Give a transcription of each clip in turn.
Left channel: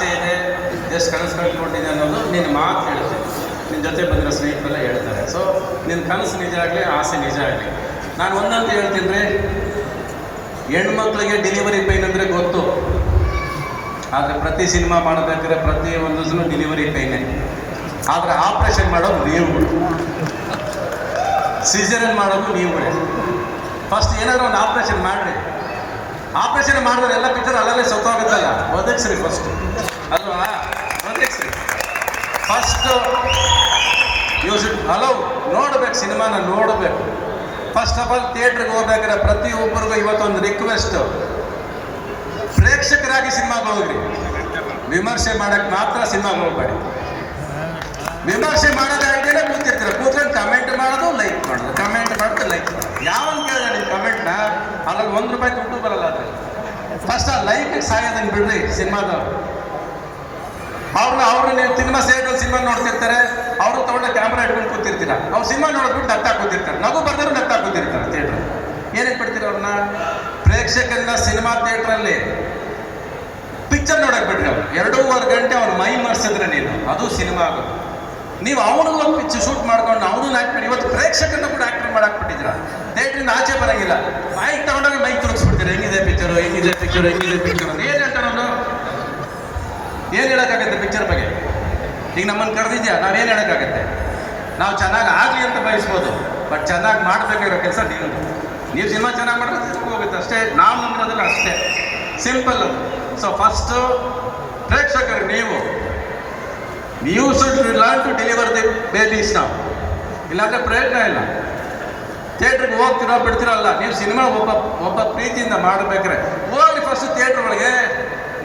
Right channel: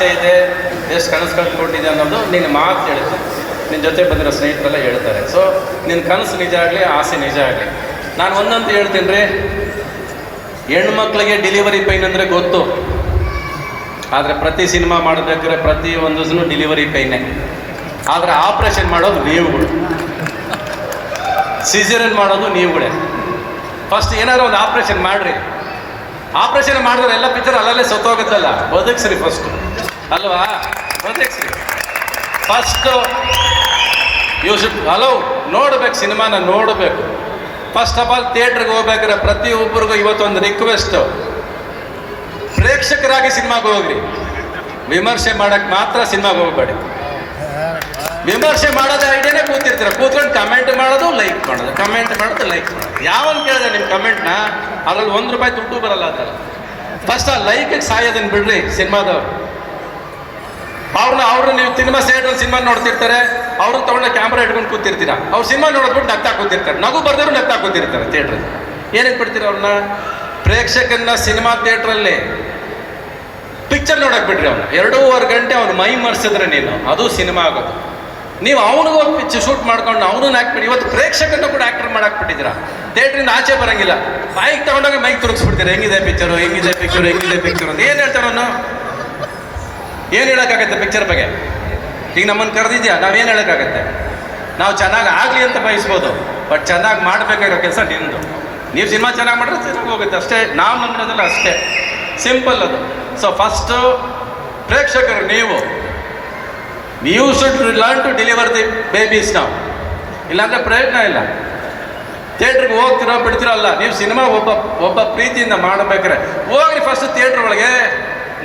ಆಸೆ ಇದೆ, ಎಷ್ಟು ಕನಸು ಕಳ್ಕೊಂಡಿದೆ ಅನ್ನೋದು ನಿನ್ನ ಮಾತು ಹೇಳುತ್ತೆ, ನಿನ್ನ ಜೊತೆ ಬಂದಿರೋ ಸ್ನೇಹಿತರೆಲ್ಲ ಹೇಳ್ತಾರೆ. ಸೊ ನಿನ್ನ ಕನಸು ನಿಜ ಆಗಲಿ, ಆಸೆ ನಿಜ ಆಗಲಿ. ನಾನು ಒಂದಂತ ಹೇಳ್ತೀನಿ ರೀ, ಹೆಣ್ಮಕ್ಳಿಗೆ ಡೆಲಿವರಿ ಪೈನ್ ಅಂದರೆ ಗೊತ್ತು, ಆದರೆ ಪ್ರತಿ ಸಿನಿಮಾ ಮಾಡಬೇಕಾದ್ರೆ ಪ್ರತಿ ಒಂದು ಡೆಲಿವರಿ ಪೈನೇ. ಆದರೆ ಆಪ್ರೇಷನ್ ಮಾಡೋದು ನೀವುಗಳು, ಸಿಸೇರಿಯನ್ ಮಾಡೋದು ನೀವುಗಳೇ. ಫಸ್ಟ್ ಏನಾದರೂ ಒಂದು ಆಪ್ರೇಷನ್ ಮಾಡಿರಿ. ಆಪ್ರೇಷನ್ ಮಾಡಿದ್ರೆ ಎಲ್ಲ ಪಿಕ್ಚರ್ ಅಲ್ಲಲ್ಲೇ ಸತ್ತೋಗುತ್ತಲ್ಲ, ಬದುಕ್ಸ್ರಿ ಫಸ್ಟ್ ಅಲ್ವಾ, ಬದುಕ್ಸ್ರಿ ಫಸ್ಟು. ಯು ಶುಡ್ ಹಲೋ ನೋಡ್ಬೇಕು, ಸಿನಿಮಾನ ನೋಡಬೇಕು. ಫಸ್ಟ್ ಆಫ್ ಆಲ್ ಥಿಯೇಟ್ರಿಗೆ ಹೋಗ್ಬೇಕಾದ್ರೆ ಪ್ರತಿಯೊಬ್ಬರಿಗೂ ಇವತ್ತೊಂದು ರಿಕ್ವೆಸ್ಟು, ಪ್ರೇಕ್ಷಕರಾಗಿ ಸಿನಿಮಾಗೆ ಹೋಗ್ರಿ, ವಿಮರ್ಶೆ ಮಾಡಕ್ಕೆ ಮಾತ್ರ ಸಿನಿಮಾಗೆ ಹೋಗ್ಬೇಡಿ. ವಿಮರ್ಶೆ ಮಾಡೋದು ಐಡಿಯಾನೇ ಕೂತಿರ್ತೀರ, ಕೂತ್ಕೊಂಡು ಕಮೆಂಟ್ ಮಾಡೋದು, ಲೈಕ್ ಮಾಡೋದು, ಕಮೆಂಟ್ ಮಾಡೋದು, ಲೈಕ್ ಮಾಡೋದು. ಯಾವನ್ ಕೇಳಿದೆ ನಿಮ್ಮ ಕಮೆಂಟ್ನ, ಅದ್ರಲ್ಲಿ ₹1 ದುಡ್ಡು ಬರಲ್ಲ ಅಂತ. ಫಸ್ಟ್ ಆ ಲೈಕಿಗೆ ಸಾಯೋದನ್ನು ಬಿಡ್ರಿ. ಸಿನಿಮಾದವ್ರು ಅವ್ರನ್ನ ನೀವು ಸಿನಿಮಾ ಸೇರಿದ್ರೆ ಸಿನಿಮಾ ನೋಡ್ತಿರ್ತಾರೆ, ಅವ್ರು ತಗೊಂಡ ಕ್ಯಾಮ್ರಾ ಇಟ್ಕೊಂಡು ಕೂತಿರ್ತೀರ, ಅವ್ರು ಸಿನಿಮಾ ನೋಡೋದ್ಬಿಟ್ಟು ನಗ್ತಾ ಕೂತಿರ್ತಾರೆ, ನಗು ಬರ್ದಿರು ನಗ್ತಾ ಕೂತಿರ್ತಾರೆ ಥಿಯೇಟ್ರ್. ಏನೇನು ಬಿಡ್ತೀರ ಅವ್ರನ್ನ? ಪ್ರೇಕ್ಷಕನ್ನ ಸಿನಿಮಾ ಥಿಯೇಟ್ರಲ್ಲಿ ಪಿಕ್ಚರ್ ನೋಡಕ್ ಬಿಡ್ರಿ. ಅವ್ರು 2.5 ಗಂಟೆ ಅವ್ರು ಮೈ ಮರ್ಸಿದ್ರೆ ನೀನು ಅದು ಸಿನಿಮಾ ಆಗೋದು. ನೀವು ಅವನಿಗೂ ಒಂದು ಪಿಕ್ಚರ್ ಶೂಟ್ ಮಾಡ್ಕೊಂಡು ಅವನನ್ನ ಹಾಕ್ಬಿಡಿ. ಇವತ್ತು ಪ್ರೇಕ್ಷಕನ್ನ ಕೂಡ ಆಕ್ಟರ್ ಮಾಡಾಕ್ಬಿಟ್ಟಿದ್ದೀರಾ, ಥಿಯೇಟ್ರಿಂದ ಆಚೆ ಬರಂಗಿಲ್ಲ. ಮೈಕ್ ತಗೊಂಡಾಗ ಮೈಕ್ ತುರುಗಿಸ್ಬಿಡ್ತೀರಾ, ಹೆಂಗಿದೆ ಪಿಕ್ಚರು, ಹೆಂಗಿದೆ ಪಿಕ್ಚರು, ಹೆಂಗಿದೆ ಪಿಕ್ಚರು ಅಂತ. ಏನು ಹೇಳ್ತಾನೆ ಅವನು? ಏನು ಹೇಳೋಕ್ಕಾಗತ್ತೆ ಪಿಕ್ಚರ್ ಬಗ್ಗೆ? ಈಗ ನಮ್ಮನ್ನು ಕರೆದಿದ್ಯಾ, ನಾವೇನು ಹೇಳೋಕ್ಕಾಗತ್ತೆ? ನಾವು ಚೆನ್ನಾಗಿ ಆಗಲಿ ಅಂತ ಬಯಸ್ಬೋದು, ಬಟ್ ಚೆನ್ನಾಗಿ ಮಾಡಬೇಕಾಗಿರೋ ಕೆಲಸ ನಿಂದು. ನೀವು ಸಿನಿಮಾ ಚೆನ್ನಾಗಿ ಮಾಡಿದ್ರೆ ಚೆನ್ನಾಗಿ ಹೋಗುತ್ತೆ ಅಷ್ಟೇ. ನಾವು ನಮ್ಮದ್ರಲ್ಲಿ ಅಷ್ಟೇ, ಸಿಂಪಲ್ ಅದು. ಸೊ ಫಸ್ಟು ಪ್ರೇಕ್ಷಕರು ನೀವು should learn to deliver the babies ನಾವು, ಇಲ್ಲಾಂದ್ರೆ ಪ್ರಯತ್ನ ಇಲ್ಲ. ಥಿಯೇಟ್ರಿಗೆ ಹೋಗ್ತೀರಾ ಬಿಡ್ತೀರಲ್ಲ, ನೀವು ಸಿನಿಮಾ ಒಬ್ಬ ಪ್ರೀತಿಯಿಂದ ಮಾಡಬೇಕಾರೆ ಹೋಗ್ರಿ ಫಸ್ಟ್ ಥಿಯೇಟ್ರ್ ಒಳಗೆ.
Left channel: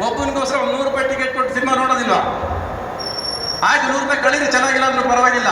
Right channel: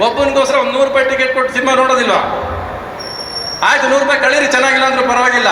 ಒಬ್ಬನಿಗೋಸ್ಕರ ಒಂದು ₹100 ಟಿಕೆಟ್ ಕೊಟ್ಟು ಸಿನಿಮಾ ನೋಡೋದಿಲ್ವಾ? ಆಯ್ತು, ₹100 ಕಳೀರಿ, ಚೆನ್ನಾಗಿಲ್ಲ ಅಂದ್ರೆ ಪರವಾಗಿಲ್ಲ.